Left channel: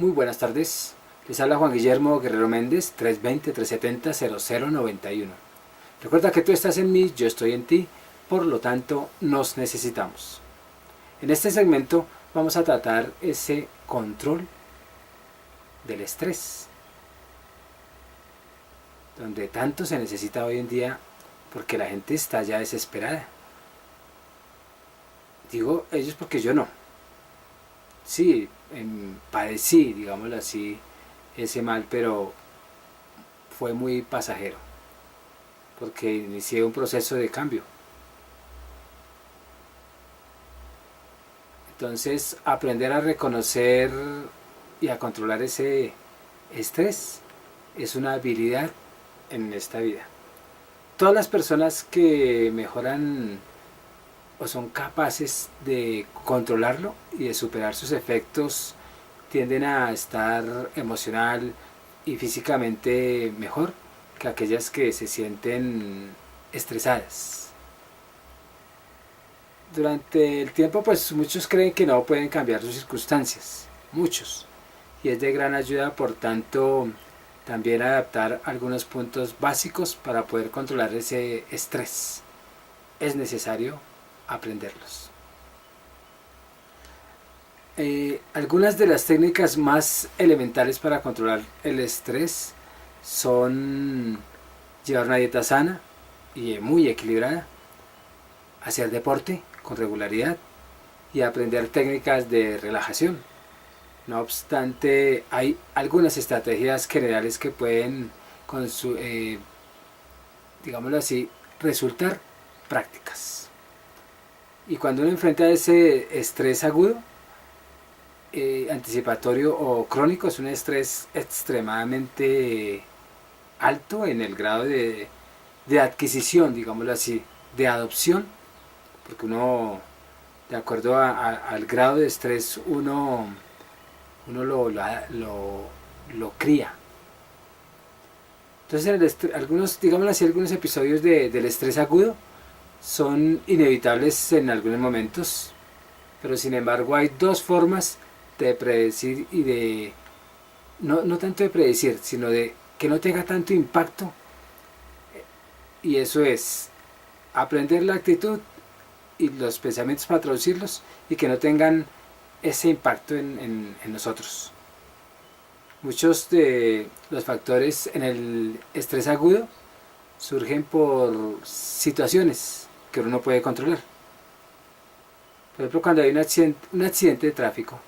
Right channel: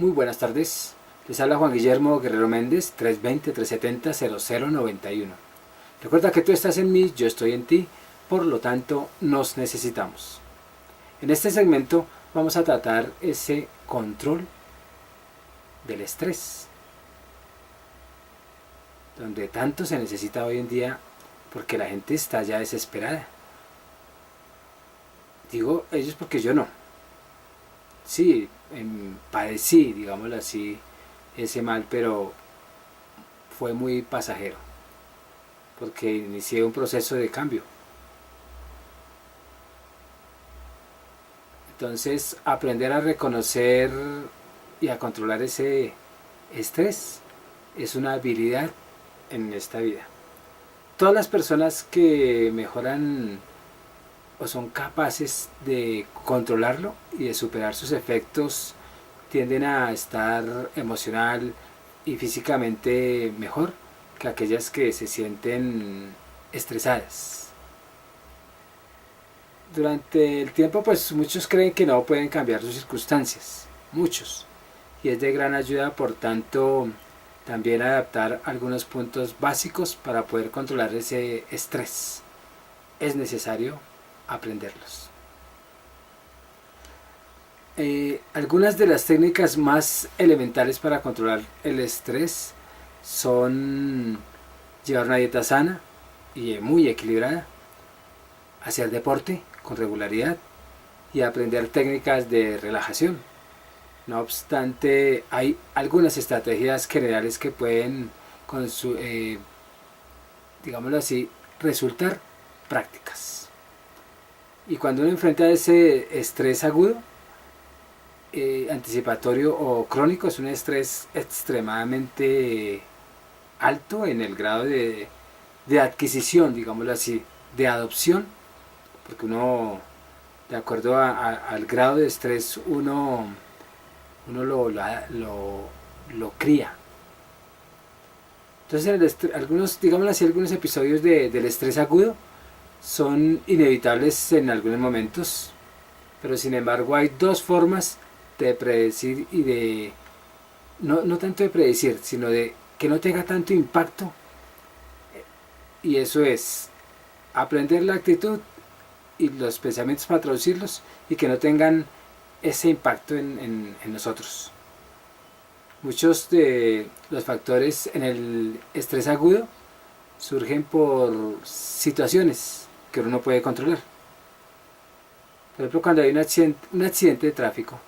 Muy buenas tardes, les habla Juan Guillermo Guerrero Méndez, 320-370-0091. Recuerda que tú estás en mí, yo estoy en ti, por lo tanto nos necesitamos. En este segmento vamos a tratar ese control del estrés, donde tanto se necesita hoy en día porque la gente está ya desesperada. Digo ellos porque yo no. Sí, padecí, digámoslo así, ese mal, pero fue muy pasajero, porque inicié un proceso de cambio. Entonces, aprender a reconocer y a controlar ese estrés es una habilidad en esta vida. Todas las personas que mejoran o son capaces de controlarlo y de superar sus efectos tienden a estar emocional y físicamente mejor que aquellas que se sienten estresadas. Durante el tiempo, pues muchos creen que no pueden cambiar sus circunstancias, muchos, y es de gran ayuda, por tanto, también adaptar algunos puntos básicos para poder controlar ese estrés. Es necesario aprenderlos. Algunas de las técnicas más elementales para controlar el estrés son llevar una dieta sana y muy equilibrada, hacer deporte con regularidad y aprender técnicas de relajación. No obstante, hay algunas estrategias generales que pueden, digámoslo así, resultar prácticas. Y cuando uno enfrenta ese estrés agudo, anticipatorio o crónico, es un estrés extremadamente alto en el grado de adquisición, digámoslo así, de adopción, porque uno, de acuerdo al grado de estrés, uno lo cría. Entonces, algunos, digámoslo así, algunos episodios del estrés agudo son inevitables en algunos momentos, pero sin embargo hay dos formas de predecir y de, no tanto de predecir, sino de que no tenga tanto impacto, y eso es aprender la actitud y los pensamientos para traducirlos y que no tengan ese impacto en nosotros. Muchos de los factores en el estrés agudo surgen por situaciones que uno no puede controlar. Por ejemplo, cuando hay un accidente de tráfico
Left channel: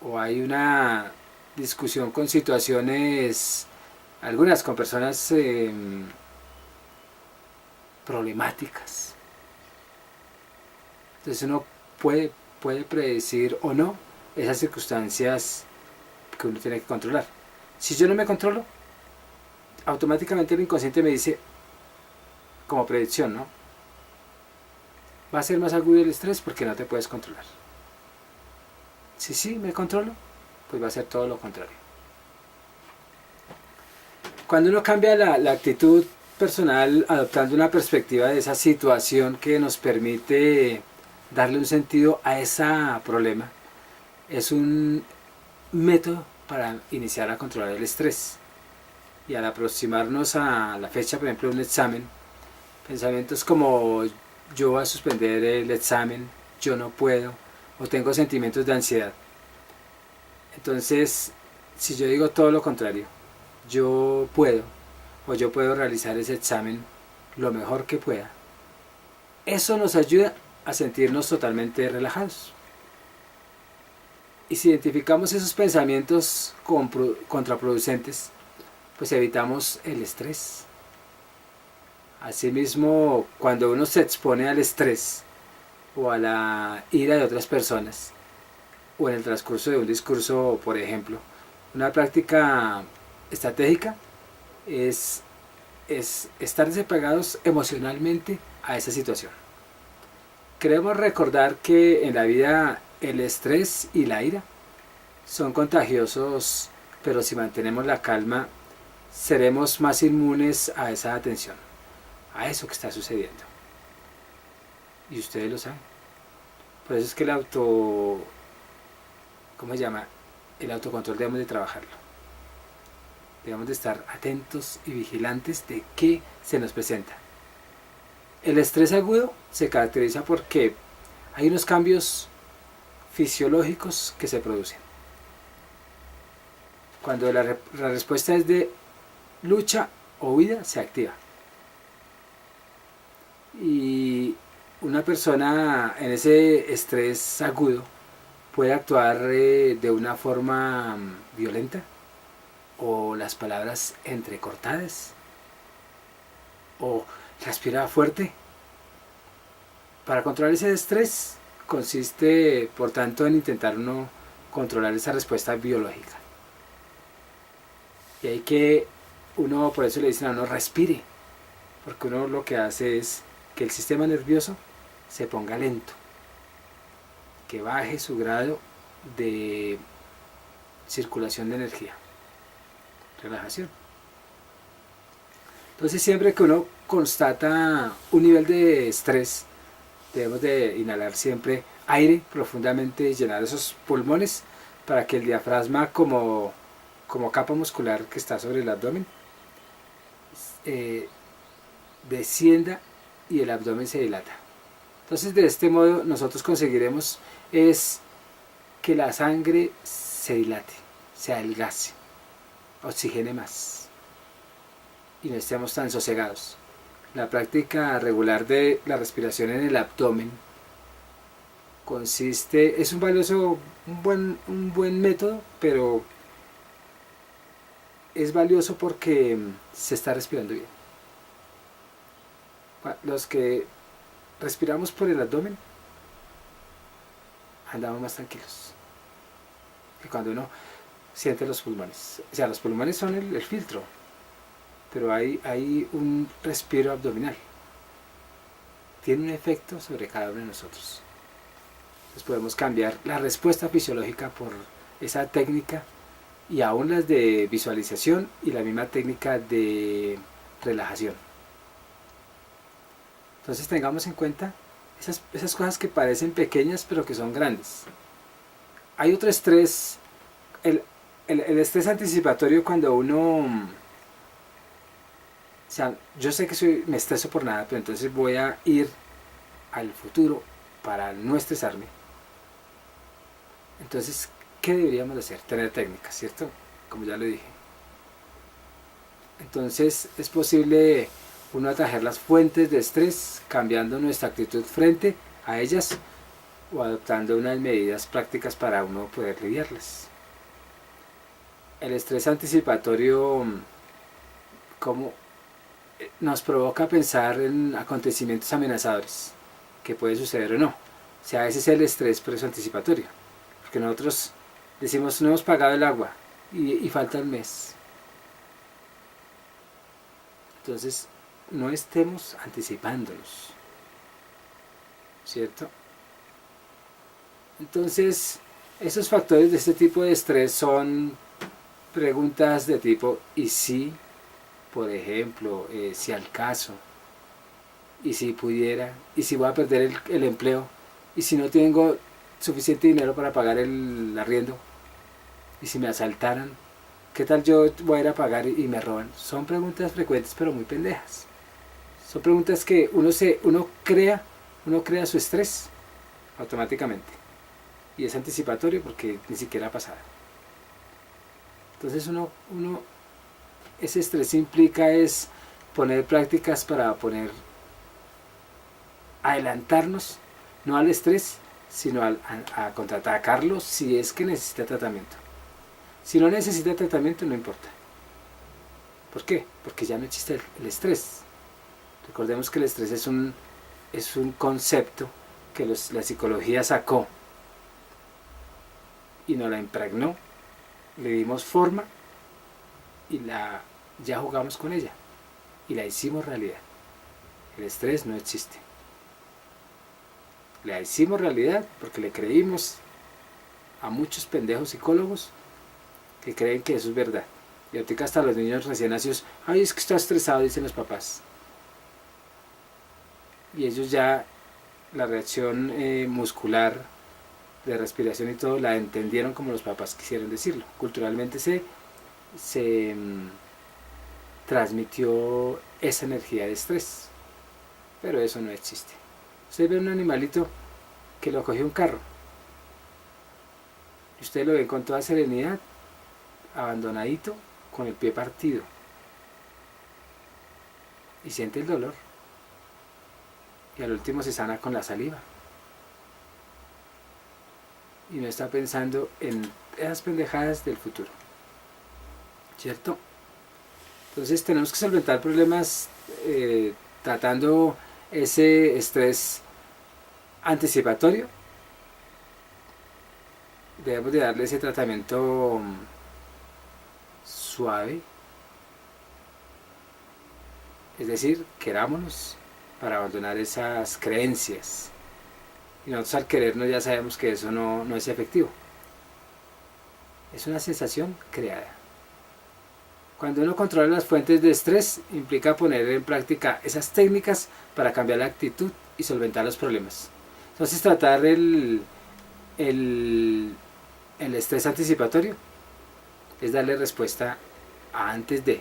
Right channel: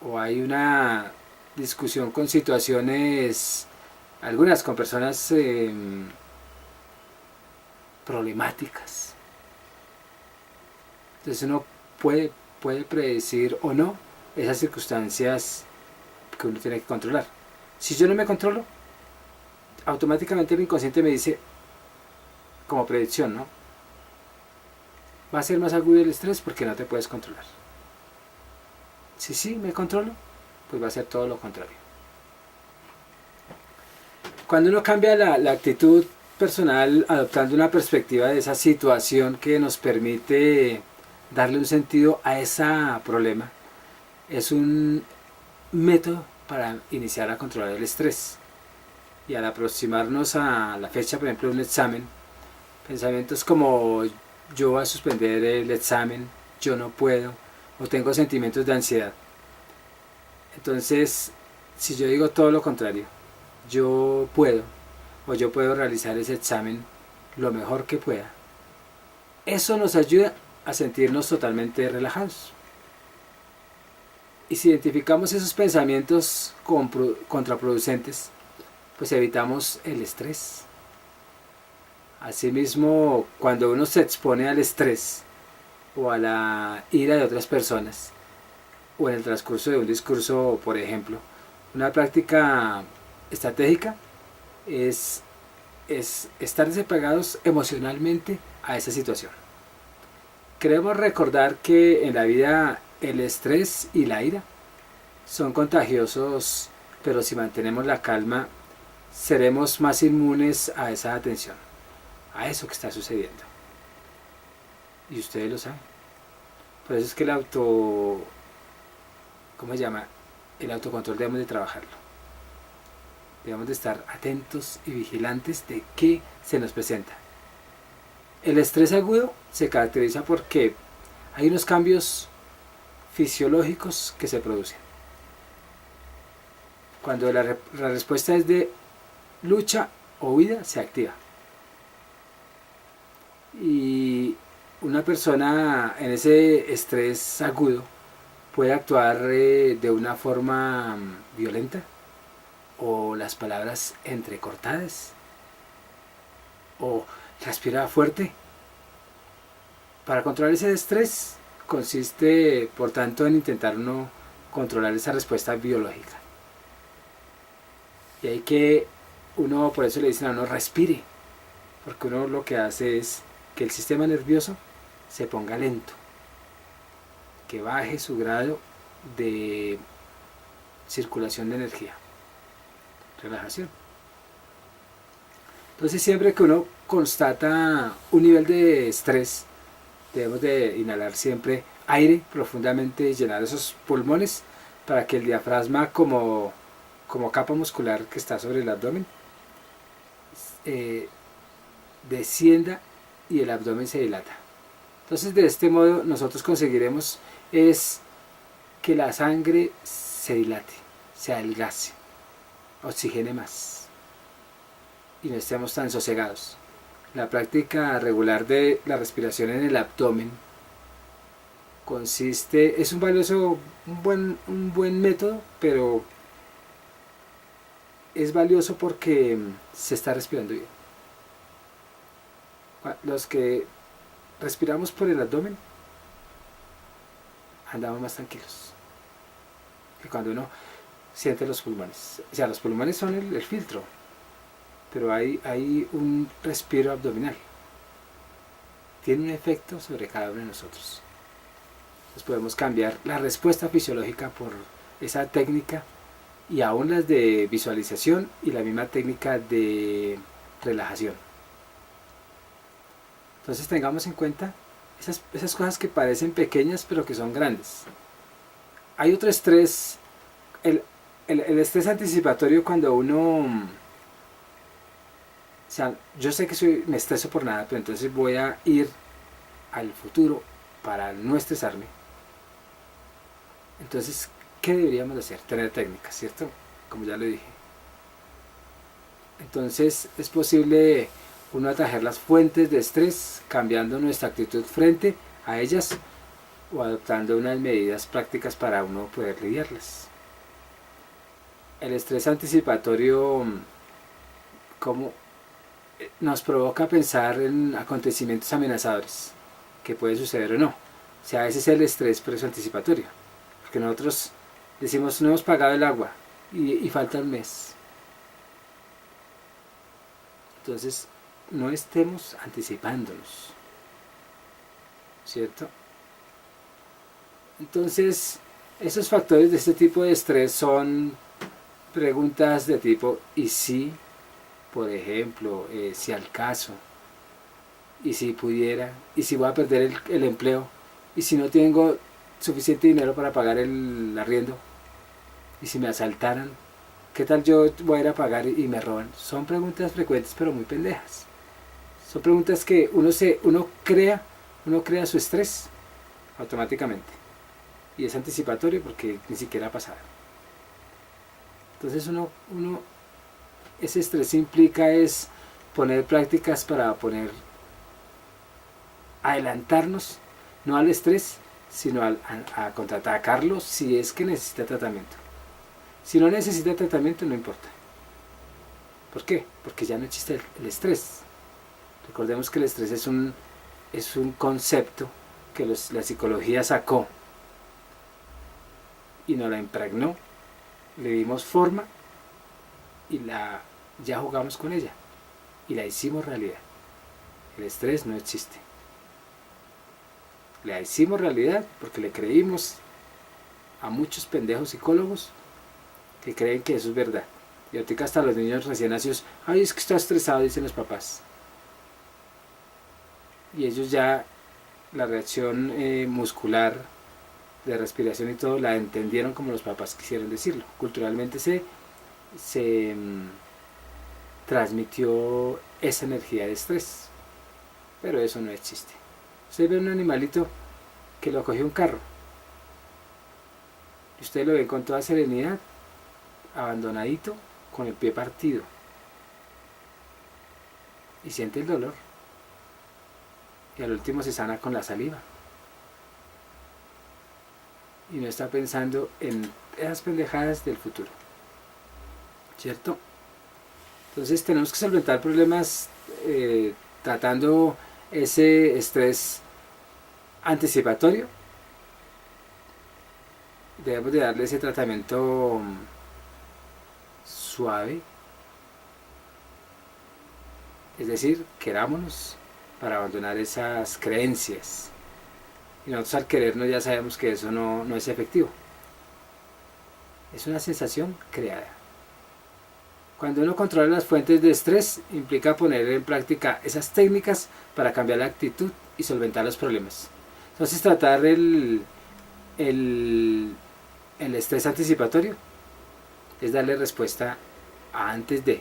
o hay una discusión con situaciones, algunas con personas problemáticas. Entonces uno puede predecir o no esas circunstancias que uno tiene que controlar. Si yo no me controlo, automáticamente el inconsciente me dice, como predicción, ¿no? Va a ser más agudo el estrés porque no te puedes controlar. Si sí me controlo, pues va a ser todo lo contrario. Cuando uno cambia la actitud personal, adoptando una perspectiva de esa situación que nos permite darle un sentido a ese problema, es un método para iniciar a controlar el estrés. Y al aproximarnos a la fecha, por ejemplo, de un examen, pensamientos como yo voy a suspender el examen, yo no puedo, o tengo sentimientos de ansiedad. Entonces, si yo digo todo lo contrario, yo puedo, o yo puedo realizar ese examen lo mejor que pueda, eso nos ayuda a sentirnos totalmente relajados. Y si identificamos esos pensamientos contraproducentes, pues evitamos el estrés. Asimismo, cuando uno se expone al estrés o a la ira de otras personas, o en el transcurso de un discurso, por ejemplo, una práctica estratégica es estar desapegados emocionalmente a esa situación. Queremos recordar que en la vida el estrés y la ira son contagiosos, pero si mantenemos la calma, seremos más inmunes a esa atención, a eso que está sucediendo. Y ustedes lo saben. Por eso es que ¿cómo se llama? el autocontrol debemos de trabajarlo. Debemos de estar atentos y vigilantes de qué se nos presenta. El estrés agudo se caracteriza porque hay unos cambios fisiológicos que se producen. Cuando la respuesta es de lucha o huida, se activa. Y una persona en ese estrés agudo puede actuar de una forma violenta, o las palabras entrecortadas, o respirar fuerte. Para controlar ese estrés consiste, por tanto, en intentar uno controlar esa respuesta biológica. Y hay que, uno, por eso le dicen a uno, respire, porque uno lo que hace es que el sistema nervioso se ponga lento, que baje su grado de circulación de energía. Relajación. Entonces, siempre que uno constata un nivel de estrés, debemos de inhalar siempre aire profundamente y llenar esos pulmones para que el diafragma, como capa muscular que está sobre el abdomen, descienda y el abdomen se dilata. Entonces, de este modo nosotros conseguiremos es que la sangre se dilate, se adelgace, oxigene más y no estemos tan sosegados. La práctica regular de la respiración en el abdomen es un valioso, un buen método, pero es valioso porque se está respirando bien. Los que respiramos por el abdomen andamos más tranquilos que cuando uno siente los pulmones. O sea, los pulmones son el filtro, pero hay un respiro abdominal. Tiene un efecto sobre cada uno de nosotros. Entonces podemos cambiar la respuesta fisiológica por esa técnica, y aún las de visualización y la misma técnica de relajación. Entonces tengamos en cuenta esas cosas que parecen pequeñas pero que son grandes. Hay otro estrés, el estrés anticipatorio, cuando uno, o sea, yo sé que me estreso por nada, pero entonces voy a ir al futuro para no estresarme. Entonces, ¿qué deberíamos hacer? Tener técnicas, ¿cierto? Como ya lo dije. Entonces, es posible uno atajar las fuentes de estrés cambiando nuestra actitud frente a ellas o adoptando unas medidas prácticas para uno poder lidiarlas. El estrés anticipatorio, como nos provoca pensar en acontecimientos amenazadores que puede suceder o no. O sea, ese es el estrés anticipatorio, porque nosotros decimos: no hemos pagado el agua y falta un mes. Entonces, no estemos anticipándonos, ¿cierto? Entonces, esos factores de este tipo de estrés son preguntas de tipo ¿y si? Por ejemplo, si al caso, y si pudiera, y si voy a perder el empleo, y si no tengo suficiente dinero para pagar el arriendo, y si me asaltaran, ¿qué tal yo voy a ir a pagar y me roban? Son preguntas frecuentes pero muy pendejas. Son preguntas que uno crea su estrés automáticamente, y es anticipatorio porque ni siquiera ha pasado. Entonces ese estrés implica es poner prácticas para adelantarnos, no al estrés, sino a contraatacarlo si es que necesita tratamiento. Si no necesita tratamiento, no importa. ¿Por qué? Porque ya no existe el estrés. Recordemos que el estrés es un concepto que la psicología sacó y nos la impregnó, le dimos forma y ya jugamos con ella y la hicimos realidad. El estrés no existe. La hicimos realidad porque le creímos a muchos pendejos psicólogos que creen que eso es verdad. Y ahorita hasta los niños recién nacidos: ay, es que está estresado, dicen los papás. Y ellos ya, la reacción muscular de respiración y todo, la entendieron como los papás quisieron decirlo. Culturalmente se transmitió esa energía de estrés, pero eso no existe. Usted ve un animalito que lo cogió un carro, y usted lo ve con toda serenidad, abandonadito, con el pie partido, y siente el dolor, y al último se sana con la saliva, y no está pensando en esas pendejadas del futuro, ¿cierto? Entonces tenemos que solventar problemas tratando ese estrés anticipatorio. Debemos de darle ese tratamiento suave, es decir, querámonos para abandonar esas creencias. Y nosotros al querernos ya sabemos que eso no es efectivo. Es una sensación creada. Cuando uno controla las fuentes de estrés, implica poner en práctica esas técnicas para cambiar la actitud y solventar los problemas. Entonces tratar el estrés anticipatorio es darle respuesta a antes de,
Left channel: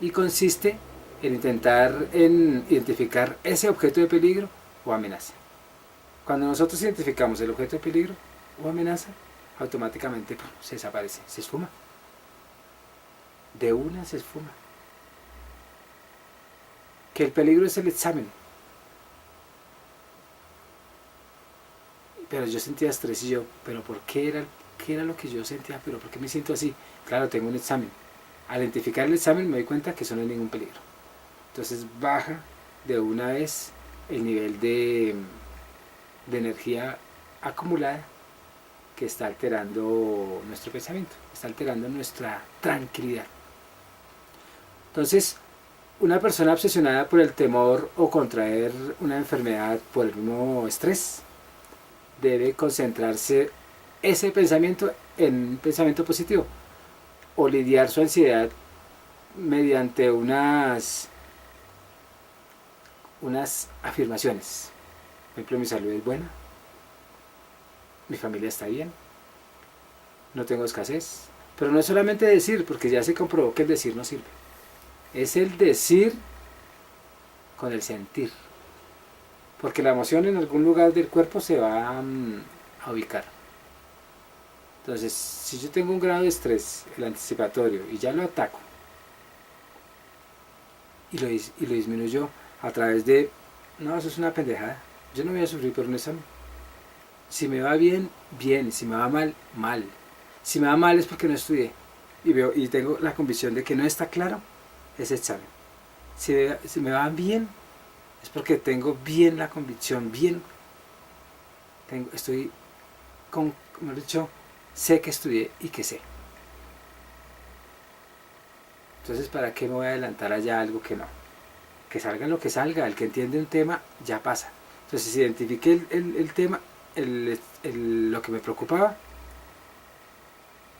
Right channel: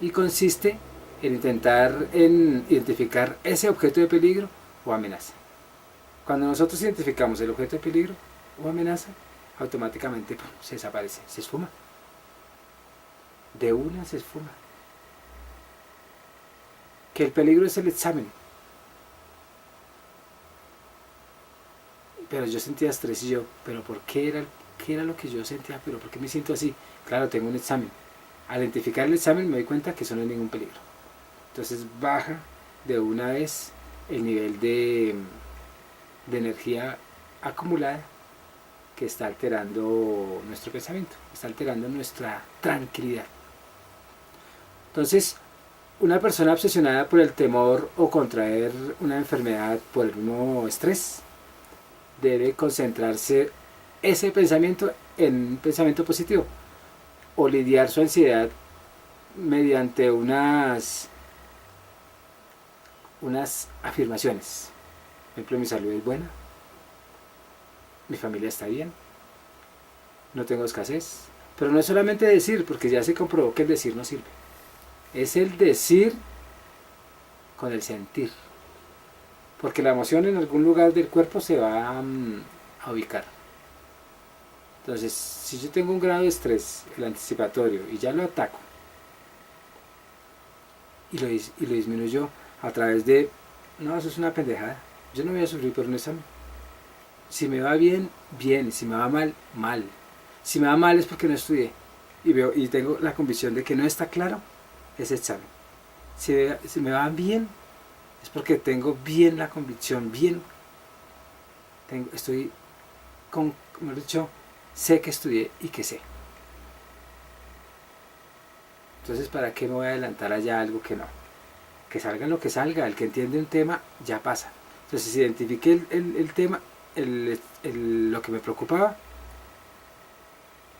y consiste en intentar identificar ese objeto de peligro o amenaza. Cuando nosotros identificamos el objeto de peligro o amenaza, automáticamente se desaparece, se esfuma. De una se esfuma. Que el peligro es el examen. Pero yo sentía estrés y yo, ¿pero por qué era lo que yo sentía? ¿Pero por qué me siento así? Claro, tengo un examen. Al identificar el examen me doy cuenta que eso no es ningún peligro. Entonces baja de una vez el nivel de energía acumulada que está alterando nuestro pensamiento, está alterando nuestra tranquilidad. Entonces, una persona obsesionada por el temor o contraer una enfermedad por el mismo estrés debe concentrarse ese pensamiento en un pensamiento positivo o lidiar su ansiedad mediante unas afirmaciones. Por ejemplo, mi salud es buena, mi familia está bien, no tengo escasez. Pero no es solamente decir, porque ya se comprobó que el decir no sirve. Es el decir con el sentir. Porque la emoción en algún lugar del cuerpo se va a ubicar. Entonces, si yo tengo un grado de estrés, el anticipatorio, y ya lo ataco, y lo disminuyo a través de, no, eso es una pendejada, yo no voy a sufrir por un examen. Si me va bien, bien, si me va mal, mal. Si me va mal es porque no estudié, y tengo la convicción de que no está claro ese examen. Si me va bien, es porque tengo bien la convicción, bien, estoy como he dicho, sé que estudié y que sé. Entonces, ¿para qué me voy a adelantar allá algo que no? Que salga lo que salga, el que entiende un tema ya pasa. Entonces, si identifiqué el tema, lo que me preocupaba,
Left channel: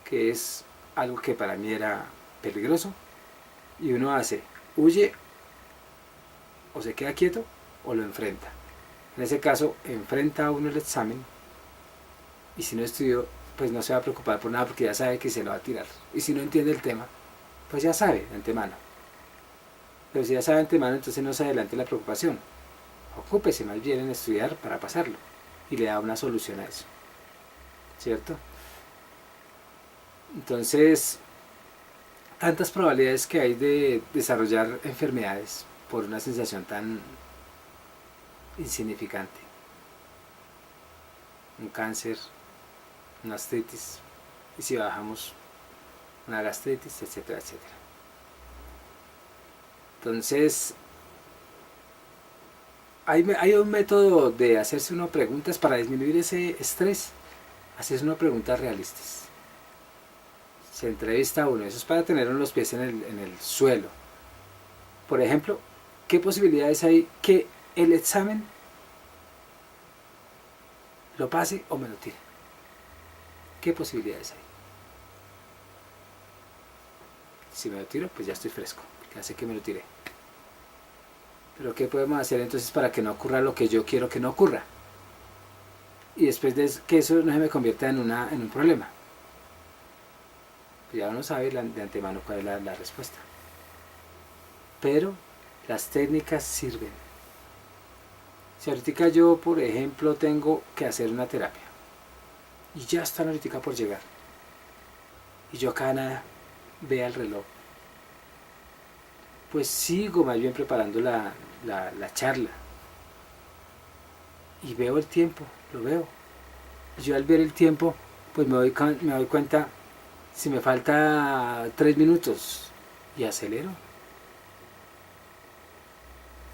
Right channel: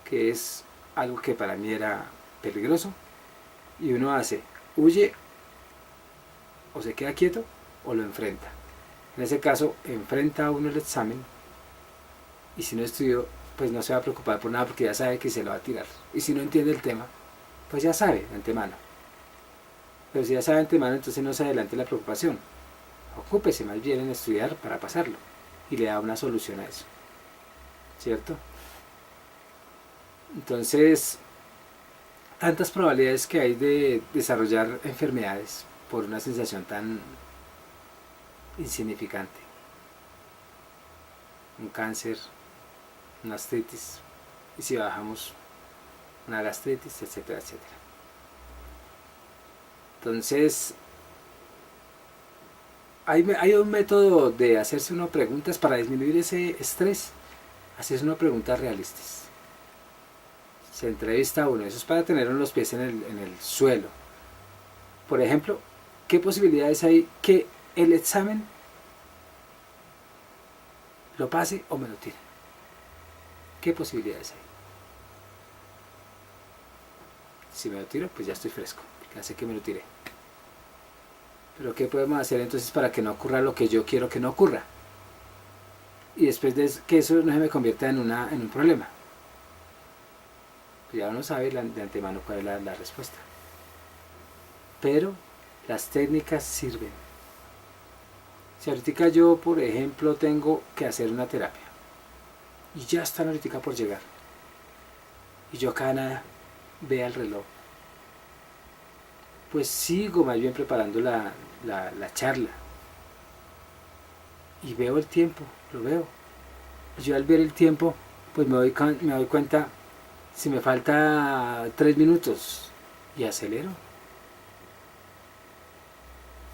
que es algo que para mí era peligroso, y uno huye, o se queda quieto, o lo enfrenta. En ese caso, enfrenta uno el examen, y si no estudió, pues no se va a preocupar por nada porque ya sabe que se lo va a tirar. Y si no entiende el tema, pues ya sabe de antemano. Pero si ya sabe de antemano, entonces no se adelante la preocupación. Ocúpese más bien en estudiar para pasarlo, y le da una solución a eso. ¿Cierto? Entonces, tantas probabilidades que hay de desarrollar enfermedades por una sensación tan insignificante. Un cáncer, una artritis, y si bajamos, una gastritis, etcétera, etcétera. Entonces, hay un método de hacerse unas preguntas para disminuir ese estrés, hacerse unas preguntas realistas. Se entrevista a uno, eso es para tener los pies en el suelo. Por ejemplo, ¿qué posibilidades hay que el examen lo pase o me lo tire? ¿Qué posibilidades hay? Si me lo tiro, pues ya estoy fresco, ya sé que me lo tiré. Pero ¿qué podemos hacer entonces para que no ocurra lo que yo quiero que no ocurra? y después de que eso no se me convierta en un problema. Ya uno sabe de antemano cuál es la respuesta. Pero las técnicas sirven. Si ahorita yo, por ejemplo, tengo que hacer una terapia y ya están ahorita por llegar y yo acá nada, vea el reloj, pues sigo más bien preparando la charla y veo el tiempo, lo veo. Y yo al ver el tiempo, pues me doy cuenta si me falta 3 minutos y acelero.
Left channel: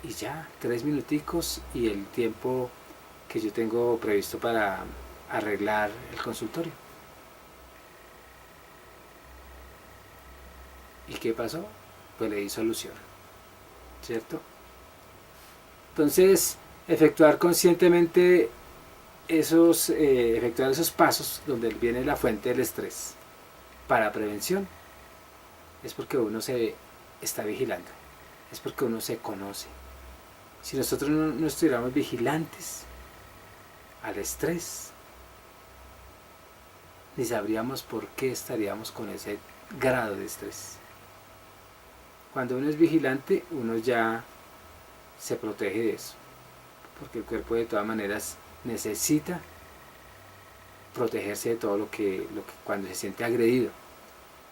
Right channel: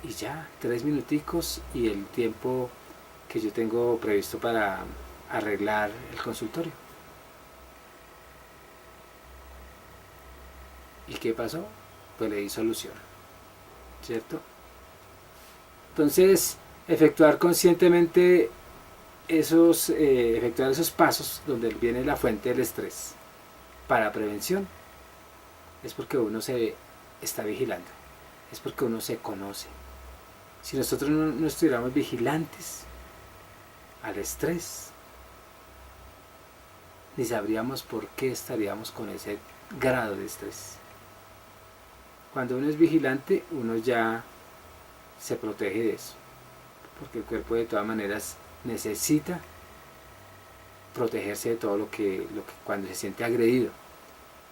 Y ya, 3 minuticos y el tiempo que yo tengo previsto para arreglar el consultorio. ¿Y qué pasó? Pues le di solución, ¿cierto? Entonces, efectuar conscientemente efectuar esos pasos donde viene la fuente del estrés para prevención es porque uno se está vigilando, es porque uno se conoce. Si nosotros no estuviéramos vigilantes al estrés, ni sabríamos por qué estaríamos con ese grado de estrés. Cuando uno es vigilante, uno ya se protege de eso, porque el cuerpo de todas maneras necesita protegerse de todo lo que cuando se siente agredido.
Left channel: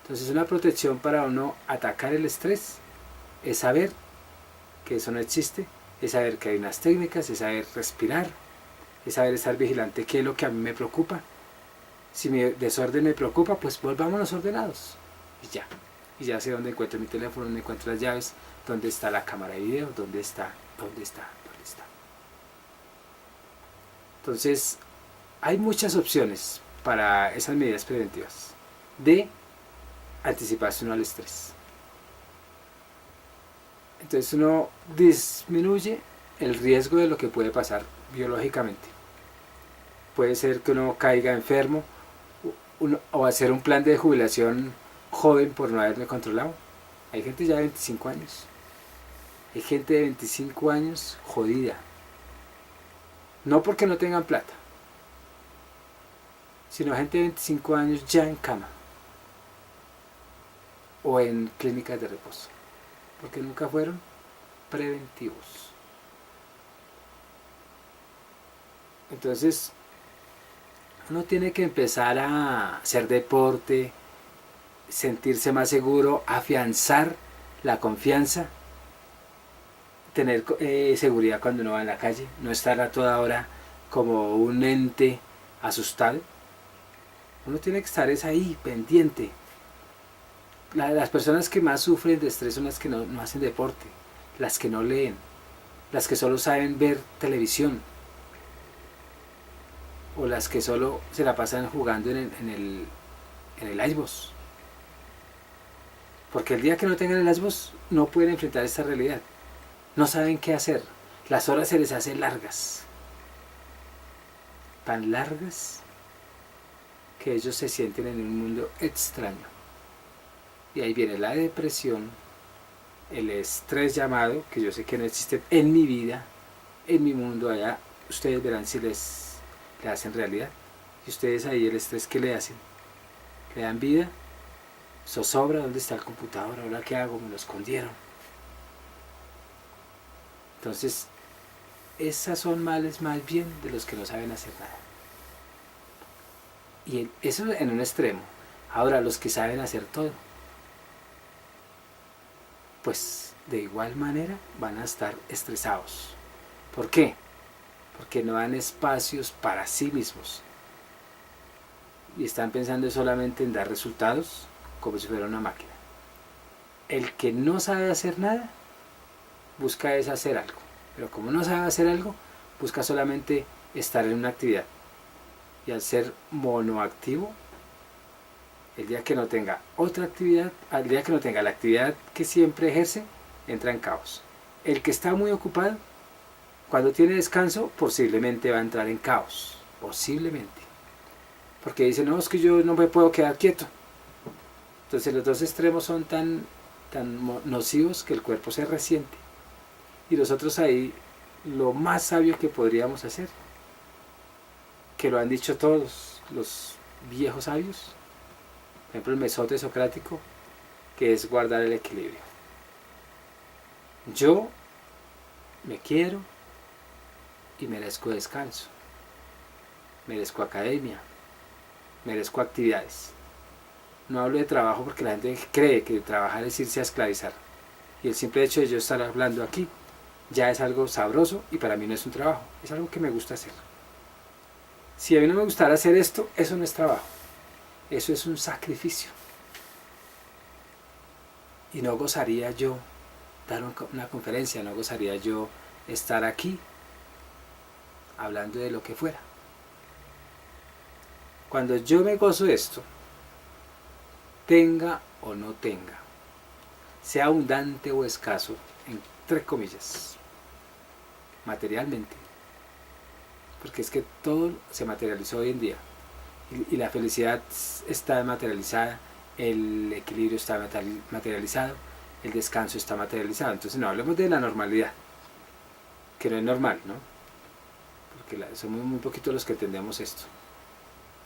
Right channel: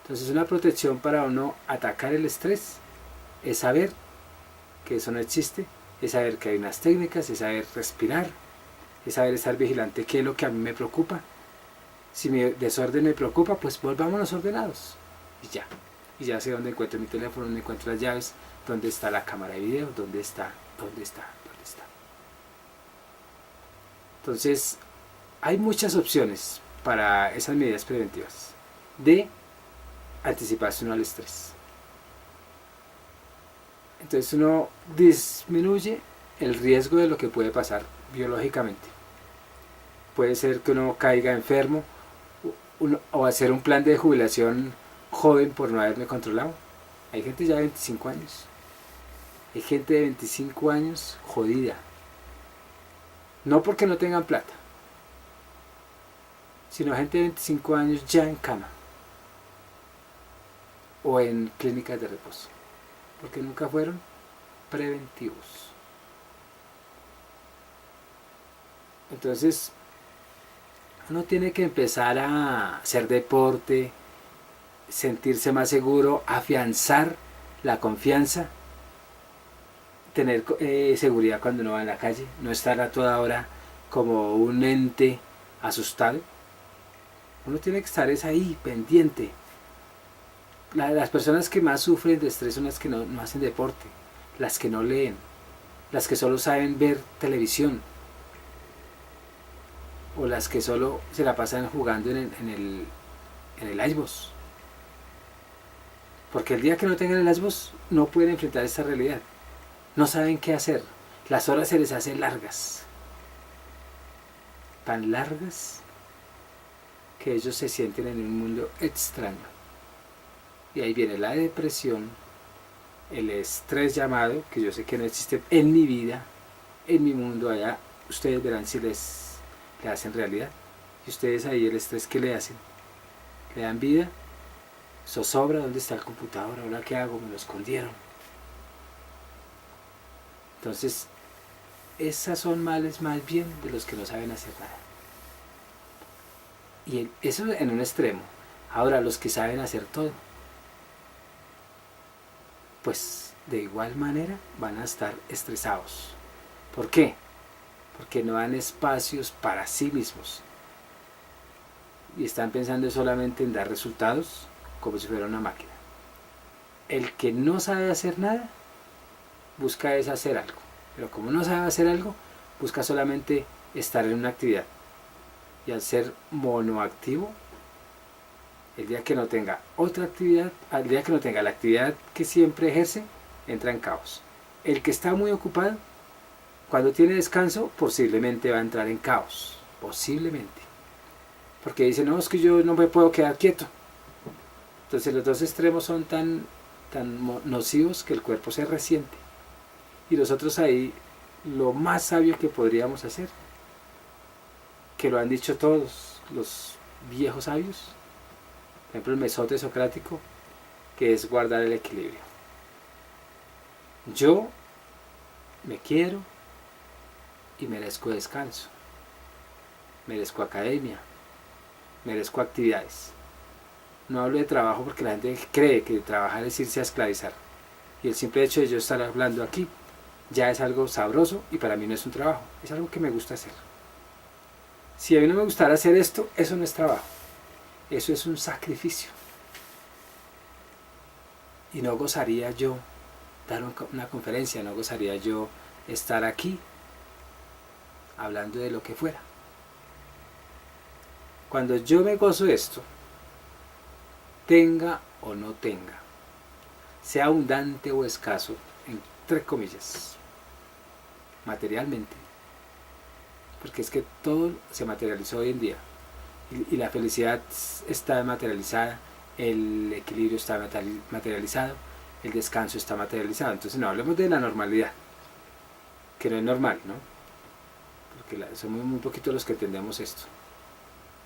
Entonces una protección para uno atacar el estrés es saber que eso no existe, es saber que hay unas técnicas, es saber respirar, es saber estar vigilante qué es lo que a mí me preocupa. Si mi desorden me preocupa, pues volvámonos ordenados y ya sé dónde encuentro mi teléfono, dónde encuentro las llaves, dónde está la cámara de video, dónde está. Entonces hay muchas opciones para esas medidas preventivas de anticiparse uno al estrés. Entonces uno disminuye el riesgo de lo que puede pasar biológicamente. Puede ser que uno caiga enfermo o hacer un plan de jubilación joven por no haberme controlado. Hay gente ya de 25 años. Hay gente de 25 años jodida. No porque no tengan plata, sino gente de 25 años ya en cama o en clínicas de reposo, porque nunca fueron preventivos. Entonces, uno tiene que empezar a hacer deporte, sentirse más seguro, afianzar la confianza, tener seguridad cuando uno va en la calle, no estar a toda hora como un ente asustado. Uno tiene que estar ahí, pendiente. Las personas que más sufren de estrés son las que no hacen deporte, las que no leen, las que solo saben ver televisión, o las que solo se la pasan jugando en el Xbox. Porque el día que no tengan el Xbox no pueden enfrentar esta realidad. No saben qué hacer. Las horas se les hacen largas. Tan largas que ellos se sienten en un mundo extraño. Y ahí viene la depresión, el estrés llamado, que yo sé que no existe en mi vida, en mi mundo allá. Ustedes verán si le hacen realidad. Y ustedes ahí el estrés que le hacen. Le dan vida. Zozobra, ¿dónde está el computador? ¿Ahora qué hago? Me lo escondieron. Entonces, esas son males más bien de los que no saben hacer nada. Y eso en un extremo. Ahora, los que saben hacer todo, pues de igual manera van a estar estresados. ¿Por qué? Porque no dan espacios para sí mismos. Y están pensando solamente en dar resultados como si fuera una máquina. El que no sabe hacer nada, busca es hacer algo. Pero como no sabe hacer algo, busca solamente estar en una actividad. Y al ser monoactivo, el día que no tenga otra actividad, al día que no tenga la actividad que siempre ejerce, entra en caos. El que está muy ocupado, cuando tiene descanso, posiblemente va a entrar en caos. Posiblemente. Porque dice, no, es que yo no me puedo quedar quieto. Entonces los dos extremos son tan nocivos que el cuerpo se resiente. Y nosotros ahí, lo más sabio que podríamos hacer, que lo han dicho todos los viejos sabios, por ejemplo el mesote socrático, que es guardar el equilibrio. Yo me quiero y merezco descanso, merezco academia, merezco actividades. No hablo de trabajo porque la gente cree que trabajar es irse a esclavizar. Y el simple hecho de yo estar hablando aquí ya es algo sabroso y para mí no es un trabajo, es algo que me gusta hacer. Si a mí no me gustara hacer esto, eso no es trabajo, eso es un sacrificio. Y no gozaría yo dar una conferencia, no gozaría yo estar aquí hablando de lo que fuera. Cuando yo me gozo esto, tenga o no tenga, sea abundante o escaso, entre comillas, materialmente, porque es que todo se materializó hoy en día y la felicidad está materializada, el equilibrio está materializado, el descanso está materializado. Entonces no hablemos de la normalidad, que no es normal, ¿no? Porque somos muy poquitos los que entendemos esto.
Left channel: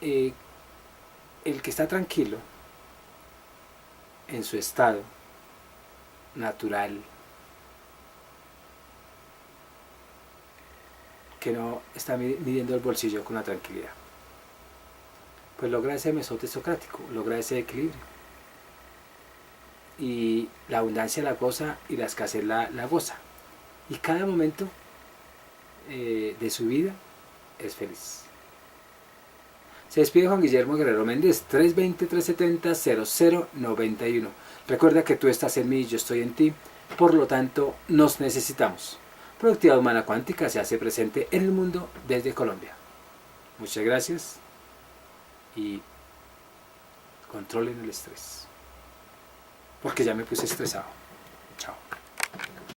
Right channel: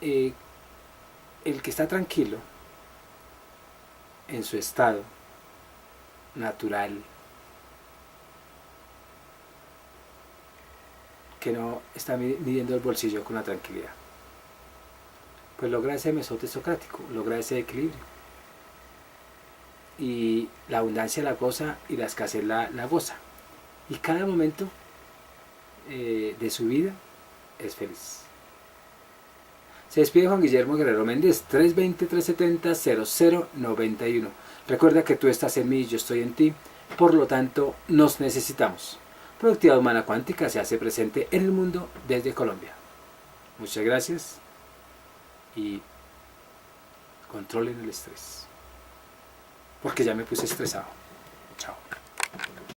El que está tranquilo en su estado natural, que no está midiendo el bolsillo con la tranquilidad, pues logra ese mesote socrático, logra ese equilibrio. Y la abundancia la goza y la escasez la goza. Y cada momento de su vida es feliz. Se despide Juan Guillermo Guerrero Méndez, 320-370-0091. Recuerda que tú estás en mí y yo estoy en ti, por lo tanto nos necesitamos. Productividad Humana Cuántica se hace presente en el mundo desde Colombia. Muchas gracias y controlen el estrés, porque ya me puse estresado.